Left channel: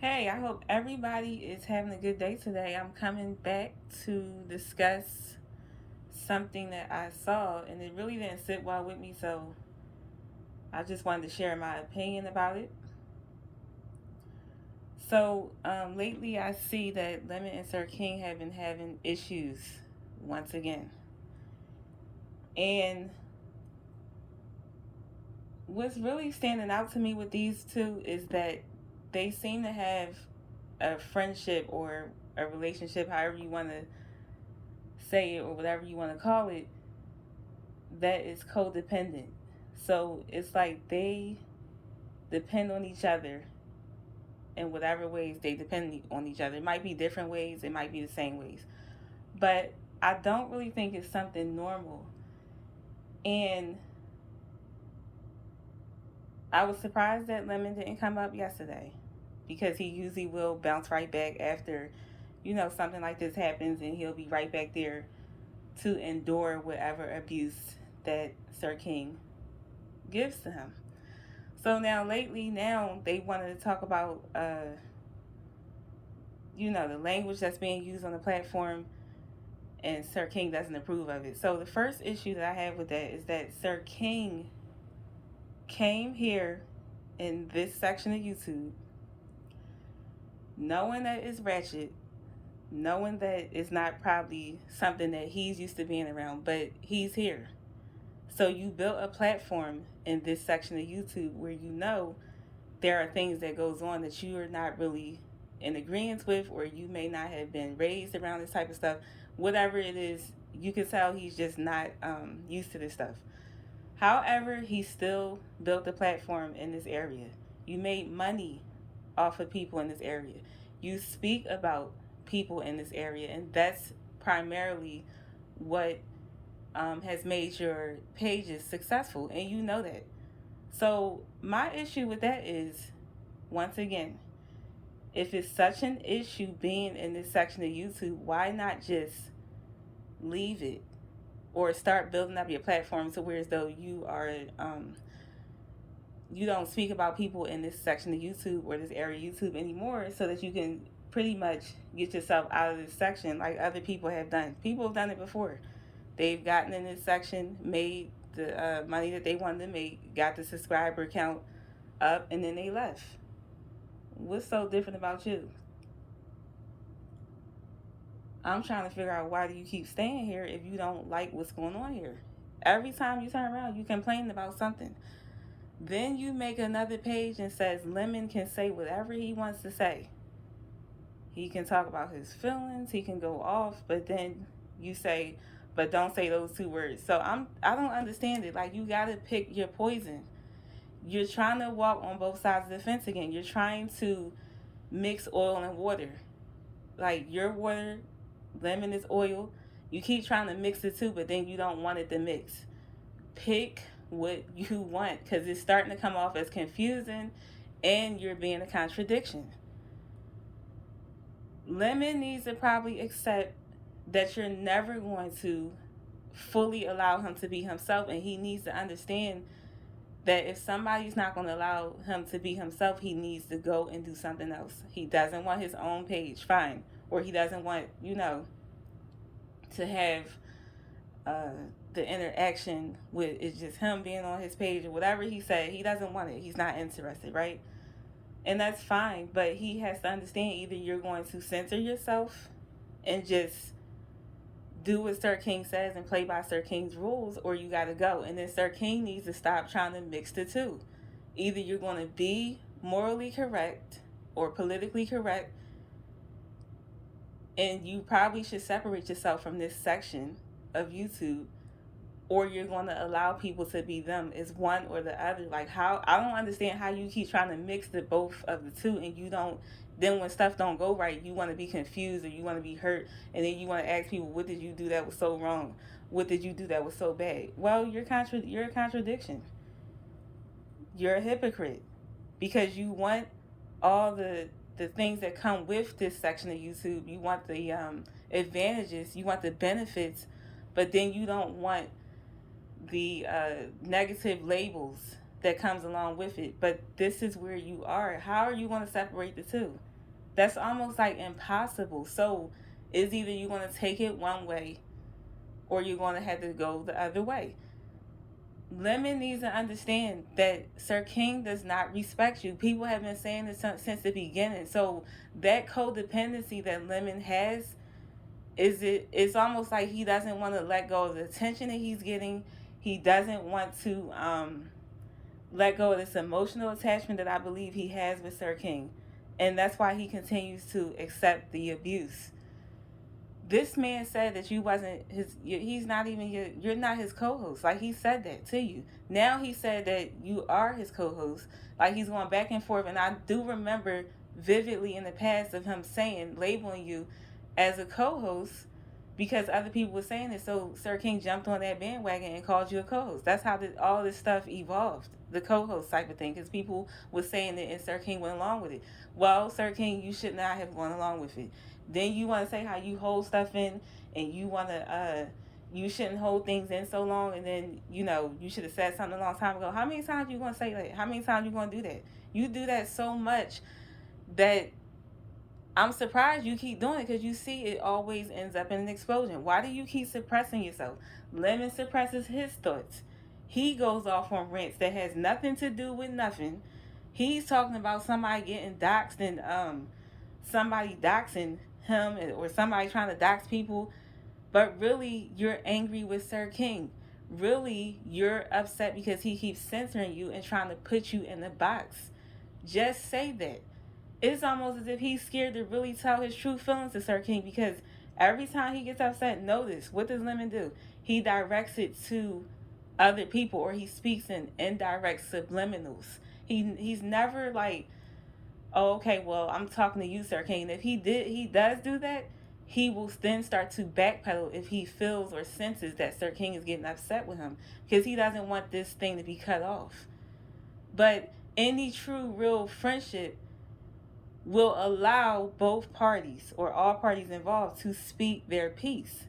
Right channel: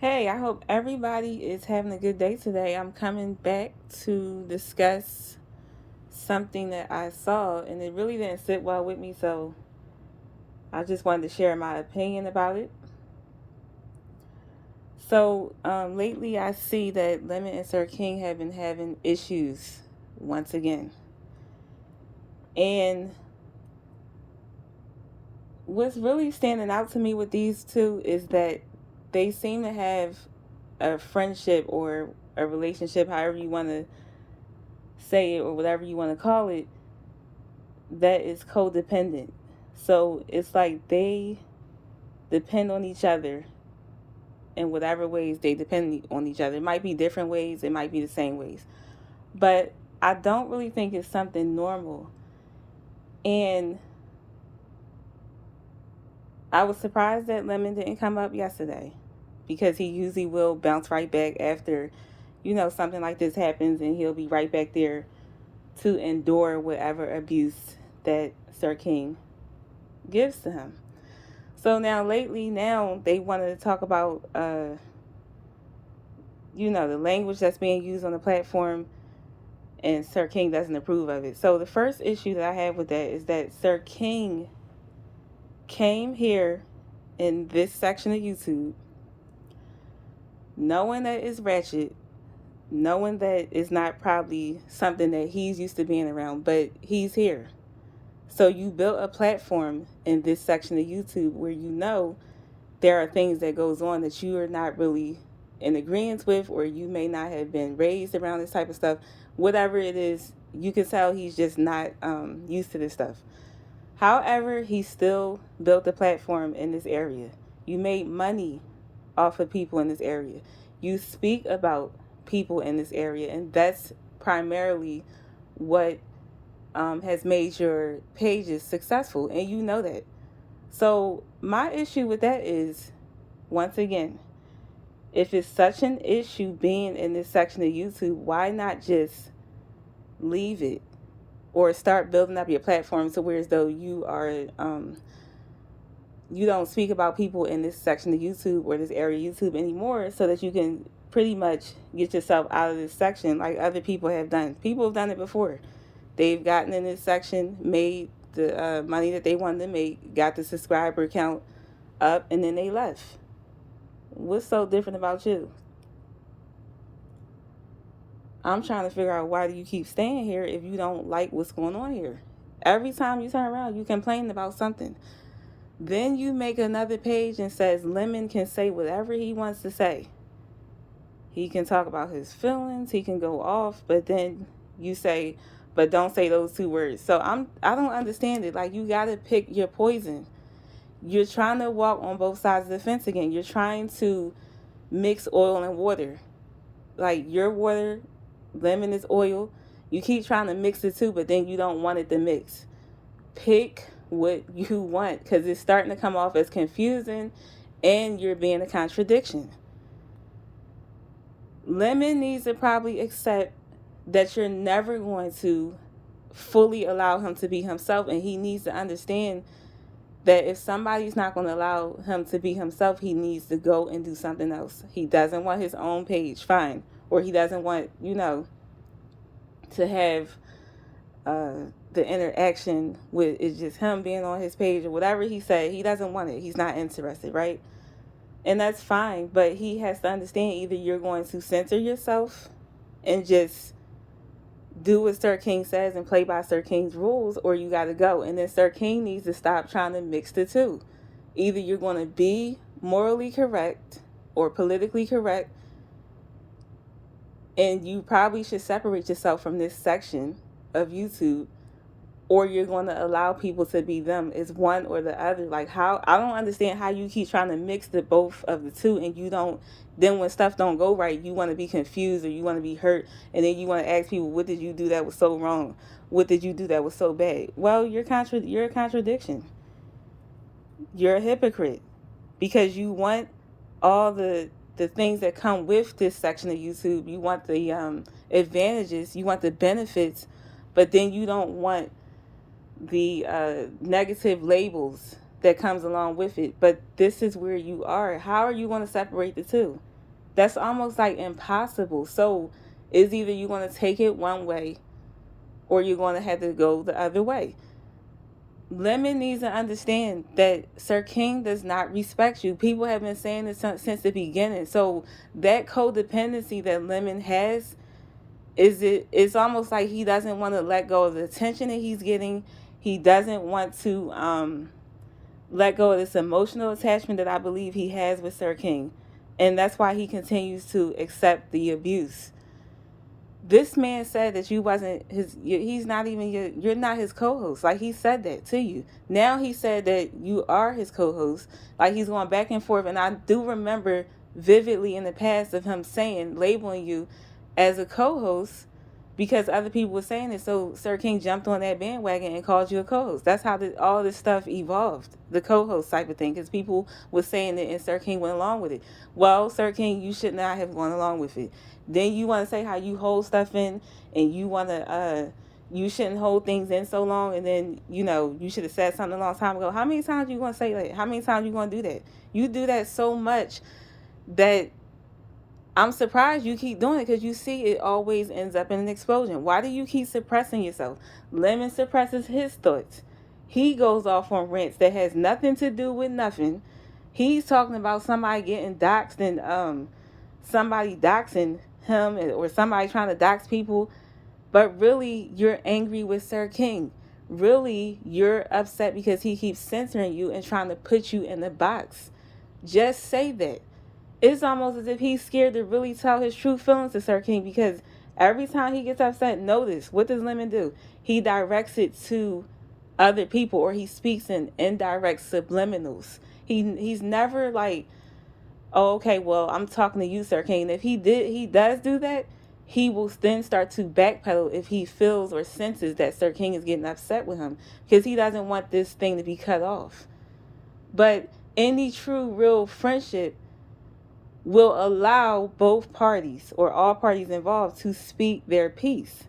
Hey, I hope everybody is having a good day today. I'm coming back to discuss something that I saw, and it really didn't sit well with me, so I just wanted to share my opinion about it. Lately I see that Lemon and Sir King have been having issues once again. And what's really standing out to me with these two is that they seem to have a friendship or a relationship, however you want to say it or whatever you want to call it, that is codependent. So it's like they depend on each other in whatever ways they depend on each other. It might be different ways, it might be the same ways. But I don't really think it's something normal. And I was surprised that Lemon didn't come up yesterday because he usually will bounce right back after, something like this happens, and he'll be right back there to endure whatever abuse that Sir King gives to him. So now lately, now they wanted to talk about, the language that's being used on the platform, and Sir King doesn't approve of it. So the first issue that I have with that is that Sir King came here in this section of YouTube, knowing that it's ratchet, knowing that it's not probably something that he's used to being around, but he's here. So you built a platform in this section of YouTube where there are things that goes on that you are not really in agreement with, or you may not have been raised around this type of stuff. Whatever it is, you can tell he's just not used to this stuff. However, he still built a platform in this area. You made money off of people in this area. You speak about people in this area, and that's primarily what has made your pages successful, and you know that. So my issue with that is, once again, if it's such an issue being in this section of YouTube, why not just leave it or start building up your platform to where as though you don't speak about people in this section of YouTube or this area of YouTube anymore, so that you can pretty much get yourself out of this section like other people have done. People have done it before. They've gotten in this section, made the money that they wanted to make, got the subscriber count up, and then they left. What's so different about you? I'm trying to figure out, why do you keep staying here if you don't like what's going on here? Every time you turn around, you complain about something. Then you make another page and says Lemon can say whatever he wants to say. He can talk about his feelings, he can go off, but then you say, but don't say those two words. So I don't understand it. Like, you gotta pick your poison. You're trying to walk on both sides of the fence again. You're trying to mix oil and water. Like, your water, lemon is oil. You keep trying to mix the two, but then you don't want it to mix. Pick what you want, because it's starting to come off as confusing and you're being a contradiction. Lemon needs to probably accept that you're never going to fully allow him to be himself, and he needs to understand that if somebody's not going to allow him to be himself, he needs to go and do something else. He doesn't want his own page, fine. Or he doesn't want, to have uh, the interaction with, it's just him being on his page or whatever he said. He doesn't want it. He's not interested, right? And that's fine. But he has to understand, either you're going to censor yourself and just do what Sir King says and play by Sir King's rules, or you got to go. And then Sir King needs to stop trying to mix the two. Either you're going to be morally correct or politically correct, and you probably should separate yourself from this section of YouTube, or you're going to allow people to be them. It's one or the other. Like, how, I don't understand how you keep trying to mix the both of the two, and you don't. Then when stuff don't go right, you want to be confused or you want to be hurt, and then you want to ask people, what did you do that was so wrong? What did you do that was so bad? Well, you're a contradiction. You're a hypocrite, because you want all the things that come with this section of YouTube. You want the advantages, you want the benefits, but then you don't want the negative labels that comes along with it. But this is where you are. How are you going to separate the two? That's almost like impossible. So it's either you're going to take it one way or you're going to have to go the other way. Lemon needs to understand that Sir King does not respect you. People have been saying this since the beginning. So that codependency that Lemon has it's almost like he doesn't want to let go of the attention that he's getting. He doesn't want to let go of this emotional attachment that I believe he has with Sir King. And that's why he continues to accept the abuse. This man said that you wasn't his, he's not even you're not his co-host. Like, he said that to you. Now he said that you are his co-host. Like, he's going back and forth. And I do remember vividly in the past of him saying, labeling you as a co-host because other people were saying it. So Sir King jumped on that bandwagon and called you a co-host. That's how all this stuff evolved, the co-host type of thing, because people were saying it and Sir King went along with it. Well, Sir King, you should not have gone along with it. Then you want to say how you hold stuff in, and you want to you shouldn't hold things in so long, and then you should have said something a long time ago. How many times you going to say that? How many times you going to do that? You do that so much that I'm surprised you keep doing it, because you see it always ends up in an explosion. Why do you keep suppressing yourself? Lemon suppresses his thoughts. He goes off on rants that has nothing to do with nothing. He's talking about somebody getting doxxed and somebody doxing him, or somebody trying to dox people. But really, you're angry with Sir King. Really, you're upset because he keeps censoring you and trying to put you in the box. Just say that. It's almost as if he's scared to really tell his true feelings to Sir King, because every time he gets upset, notice, what does Lemon do? He directs it to other people, or he speaks in indirect subliminals. He's never like, oh, okay, well, I'm talking to you, Sir King. If he does do that, he will then start to backpedal if he feels or senses that Sir King is getting upset with him, because he doesn't want this thing to be cut off. But any true, real friendship will allow both parties, or all parties involved, to speak their piece.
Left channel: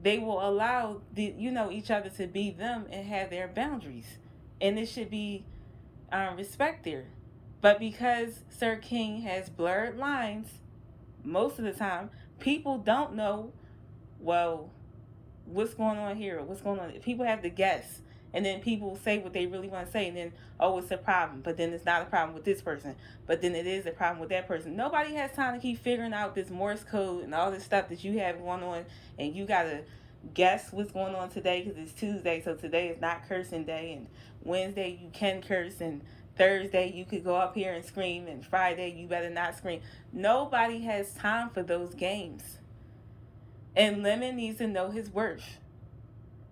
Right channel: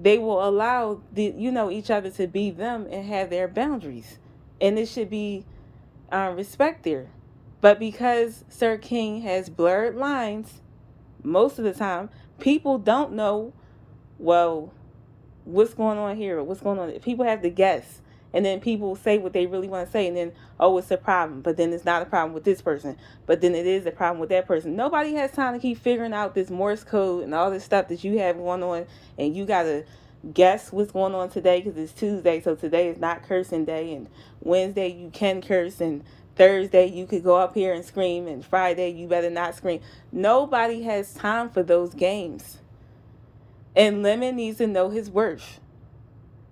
They will allow each other to be them and have their boundaries, and it should be respect there. But because Sir King has blurred lines most of the time, people don't know, well, what's going on here, or what's going on. People have to guess, and then people say what they really want to say, and then, oh, it's a problem, but then it's not a problem with this person, but then it is a problem with that person. Nobody has time to keep figuring out this Morse code and all this stuff that you have going on, and you gotta guess what's going on today because it's Tuesday, so today is not cursing day, and Wednesday you can curse, and Thursday you could go up here and scream, and Friday you better not scream. Nobody has time for those games. And Lemon needs to know his worth.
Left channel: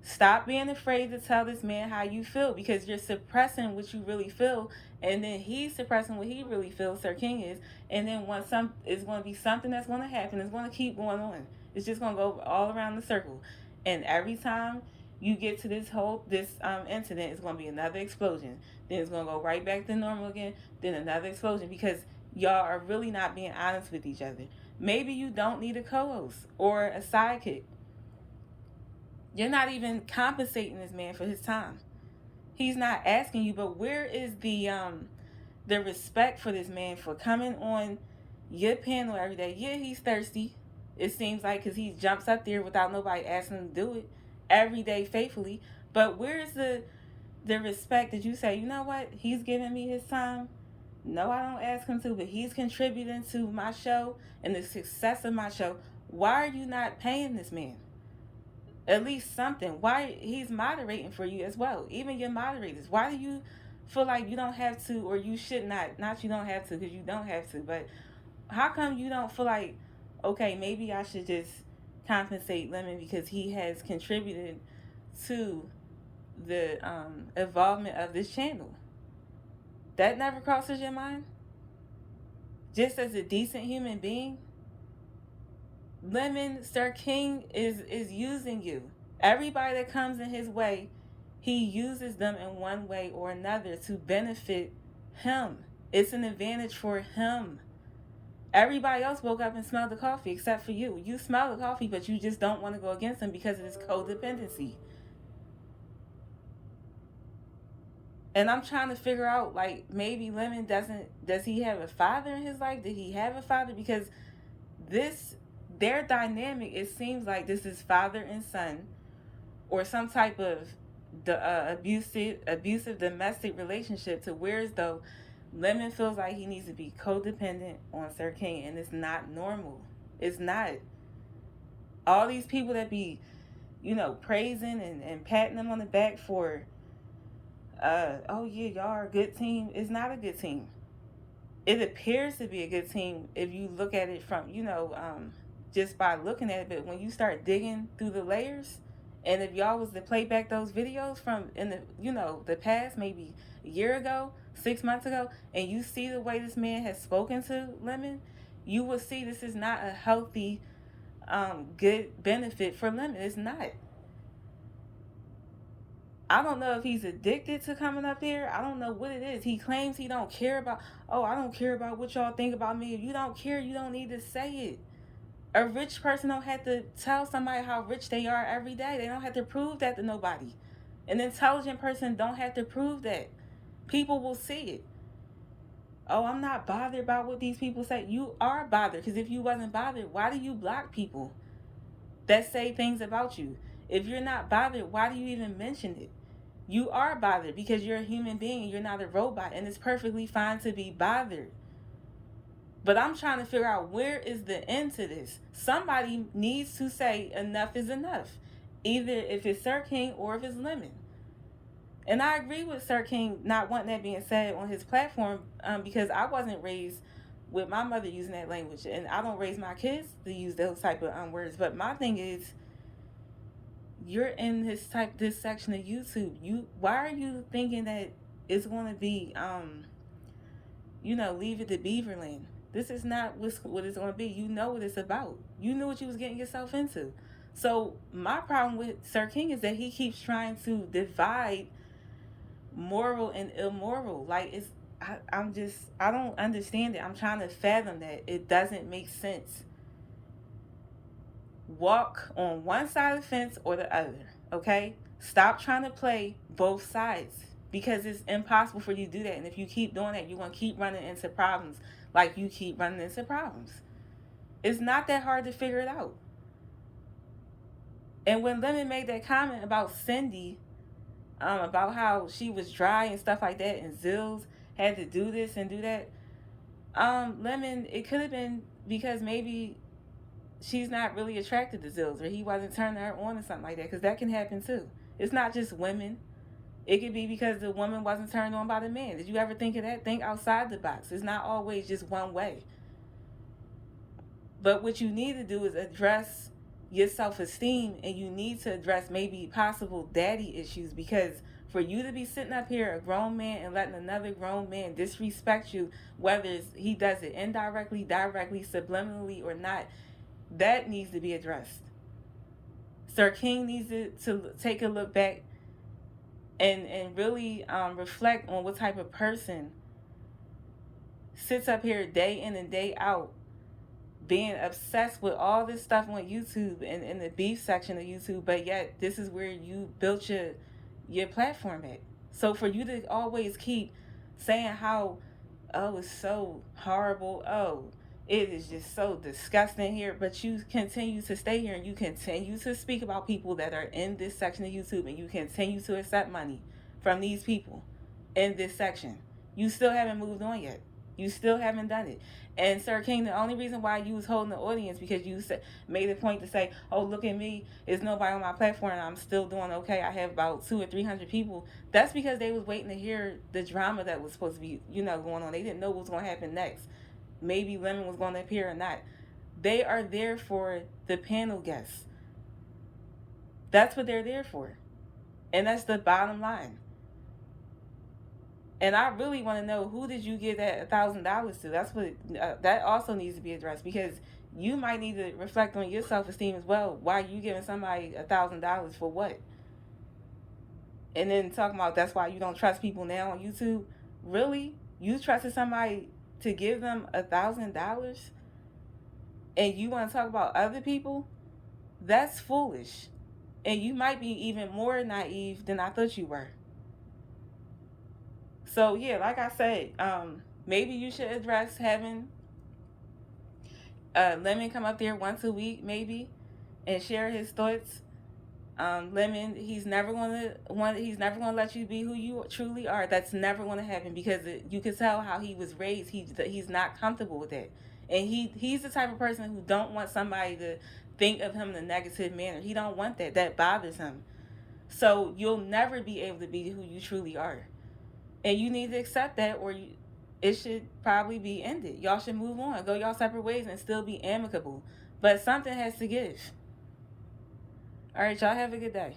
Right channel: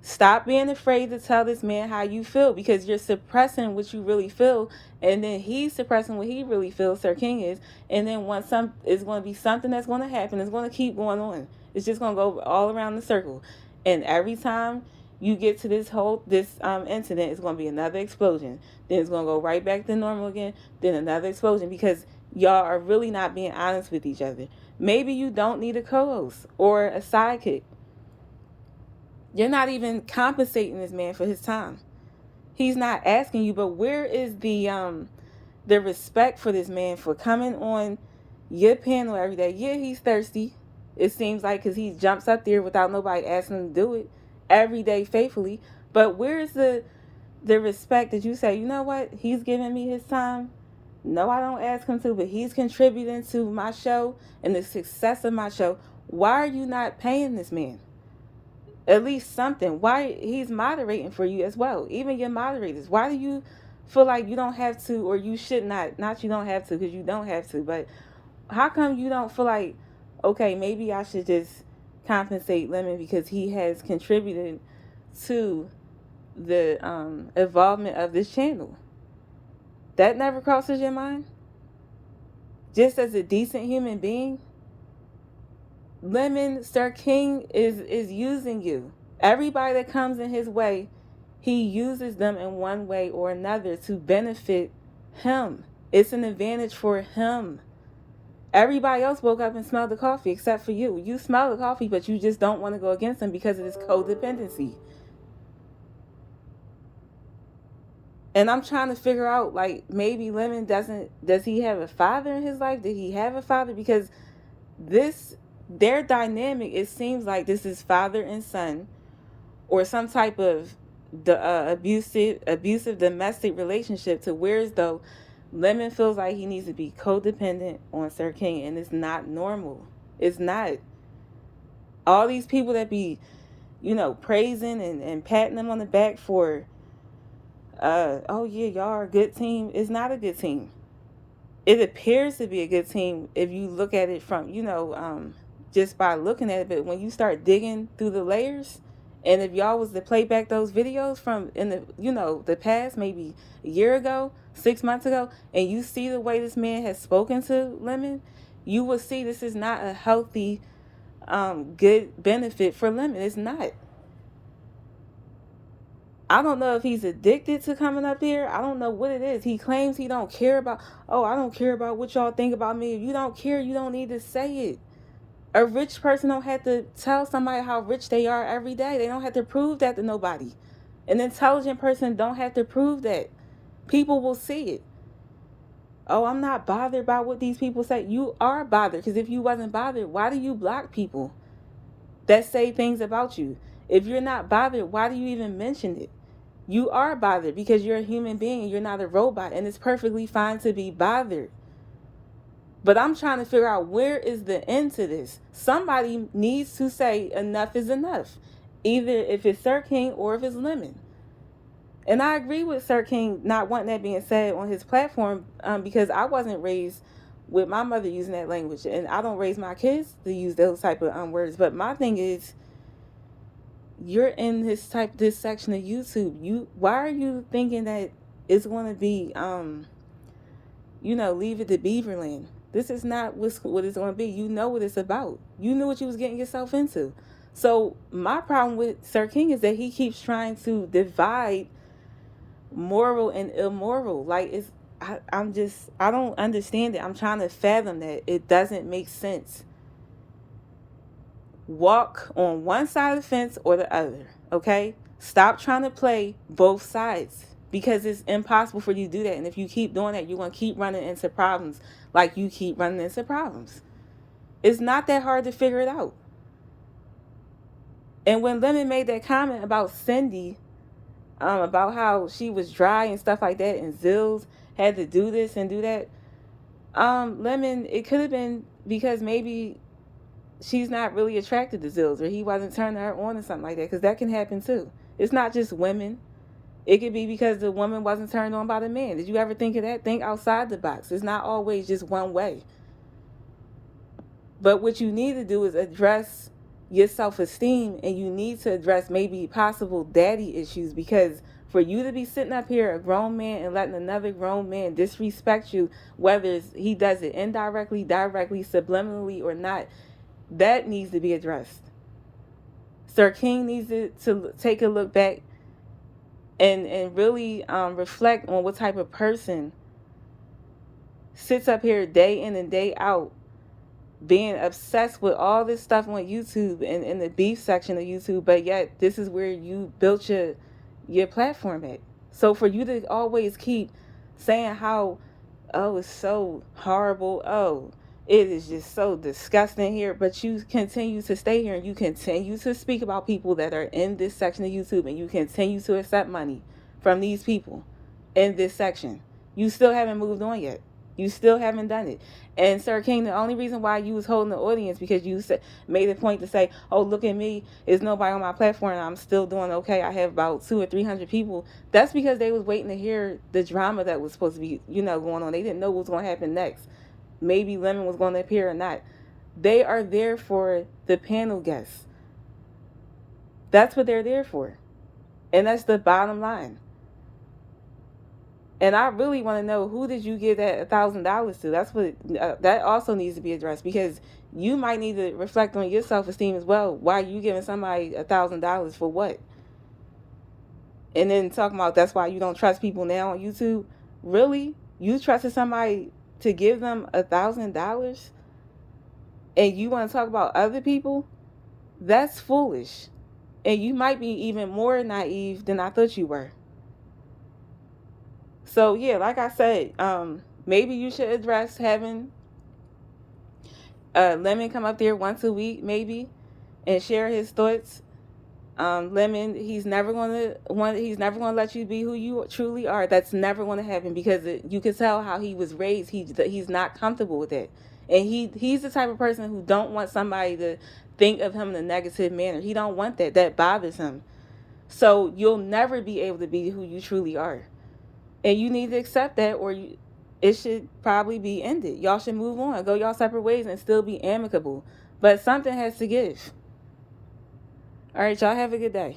Stop being afraid to tell this man how you feel, because you're suppressing what you really feel, and then he's suppressing what he really feels, Sir King is, and then once it's going to be something that's going to happen. It's going to keep going on. It's just going to go all around the circle, and every time you get to this incident, it's going to be another explosion. Then it's going to go right back to normal again. Then another explosion, because y'all are really not being honest with each other. Maybe you don't need a co-host or a sidekick. You're not even compensating this man for his time. He's not asking you, but where is the respect for this man for coming on your panel every day? Yeah, he's thirsty. It seems like, because he jumps up there without nobody asking him to do it every day faithfully. But where is the respect that you say, you know what? He's giving me his time. No, I don't ask him to, but he's contributing to my show and the success of my show. Why are you not paying this man? At least something. Why? He's moderating for you as well. Even your moderators. Why do you feel like you don't have to, or you should not you don't have to, because you don't have to, but how come you don't feel like, okay, maybe I should just compensate Lemon because he has contributed to the involvement of this channel? That never crosses your mind? Just as a decent human being? Lemon, Sir King is using you. Everybody that comes in his way, he uses them in one way or another to benefit him. It's an advantage for him. Everybody else woke up and smelled the coffee except for you. You smell the coffee, but you just don't want to go against him because of this codependency. And I'm trying to figure out, like, maybe Lemon does he have a father in his life? Did he have a father? Because this, their dynamic, it seems like this is father and son, or some type of the abusive domestic relationship, to where as though Lemon feels like he needs to be codependent on Sir King, and it's not normal. It's not. All these people that be, praising and patting them on the back for, oh yeah, y'all are a good team. It's not a good team. It appears to be a good team if you look at it from, just by looking at it. But when you start digging through the layers, and if y'all was to play back those videos from in the, the past, maybe a year ago, 6 months ago, and you see the way this man has spoken to Lemon, you will see this is not a healthy, good benefit for Lemon. It's not. I don't know if he's addicted to coming up here. I don't know what it is. He claims he don't care about, oh, I don't care about what y'all think about me. If you don't care, you don't need to say it. A rich person don't have to tell somebody how rich they are every day. They don't have to prove that to nobody. An intelligent person don't have to prove that. People will see it. Oh, I'm not bothered by what these people say. You are bothered, because if you wasn't bothered, why do you block people that say things about you? If you're not bothered, why do you even mention it? You are bothered because you're a human being and you're not a robot, and it's perfectly fine to be bothered. But I'm trying to figure out, where is the end to this? Somebody needs to say enough is enough, either if it's Sir King or if it's Lemon. And I agree with Sir King not wanting that being said on his platform, because I wasn't raised with my mother using that language, and I don't raise my kids to use those type of words. But my thing is, you're in this section of YouTube. Why are you thinking that it's going to be leave it to Beaverland? This is not what it's going to be. You know what it's about. You knew what you was getting yourself into. So my problem with Sir King is that he keeps trying to divide moral and immoral. Like, I don't understand it. I'm trying to fathom that. It doesn't make sense. Walk on one side of the fence or the other, okay? Stop trying to play both sides, because it's impossible for you to do that. And if you keep doing that, you're going to keep running into problems like you keep running into problems. It's not that hard to figure it out. And when Lemon made that comment about Cindy, about how she was dry and stuff like that, and Zills had to do this and do that, Lemon, it could have been because maybe she's not really attracted to Zills, or he wasn't turning her on or something like that, because that can happen too. It's not just women. It could be because the woman wasn't turned on by the man. Did you ever think of that? Think outside the box. It's not always just one way. But what you need to do is address your self-esteem, and you need to address maybe possible daddy issues, because for you to be sitting up here, a grown man, and letting another grown man disrespect you, whether he does it indirectly, directly, subliminally, or not, that needs to be addressed. Sir King needs to take a look back and really reflect on what type of person sits up here day in and day out, being obsessed with all this stuff on YouTube and in the beef section of YouTube, but yet this is where you built your platform at. So for you to always keep saying how, oh, it's so horrible, oh, it is just so disgusting here, but you continue to stay here and you continue to speak about people that are in this section of YouTube, and you continue to accept money from these people in this section. You still haven't moved on yet. You still haven't done it. And Sir King, the only reason why you was holding the audience, because you made a point to say, oh, look at me, there's nobody on my platform and I'm still doing okay, I have about 200 or 300 people. That's because they was waiting to hear the drama that was supposed to be going on. They didn't know what was going to happen next. Maybe Lemon was going to appear or not. They are there for the panel guests. That's what they're there for. And that's the bottom line. And I really want to know, who did you give that $1,000 to? That's what that also needs to be addressed, because you might need to reflect on your self-esteem as well. Why are you giving somebody $1,000 for what? And then talking about that's why you don't trust people now on YouTube. Really? You trusted somebody to give them $1,000, and you want to talk about other people? That's foolish. And you might be even more naive than I thought you were. So yeah, like I said, maybe you should address having Lemon come up there once a week, maybe, and share his thoughts. Lemon, he's never gonna let you be who you truly are. That's never gonna happen because you can tell how he was raised. He's not comfortable with it, and he's the type of person who don't want somebody to think of him in a negative manner. He don't want that. That bothers him. So you'll never be able to be who you truly are, and you need to accept that, or it should probably be ended. Y'all should move on, go y'all separate ways, and still be amicable. But something has to give. All right, y'all have a good day.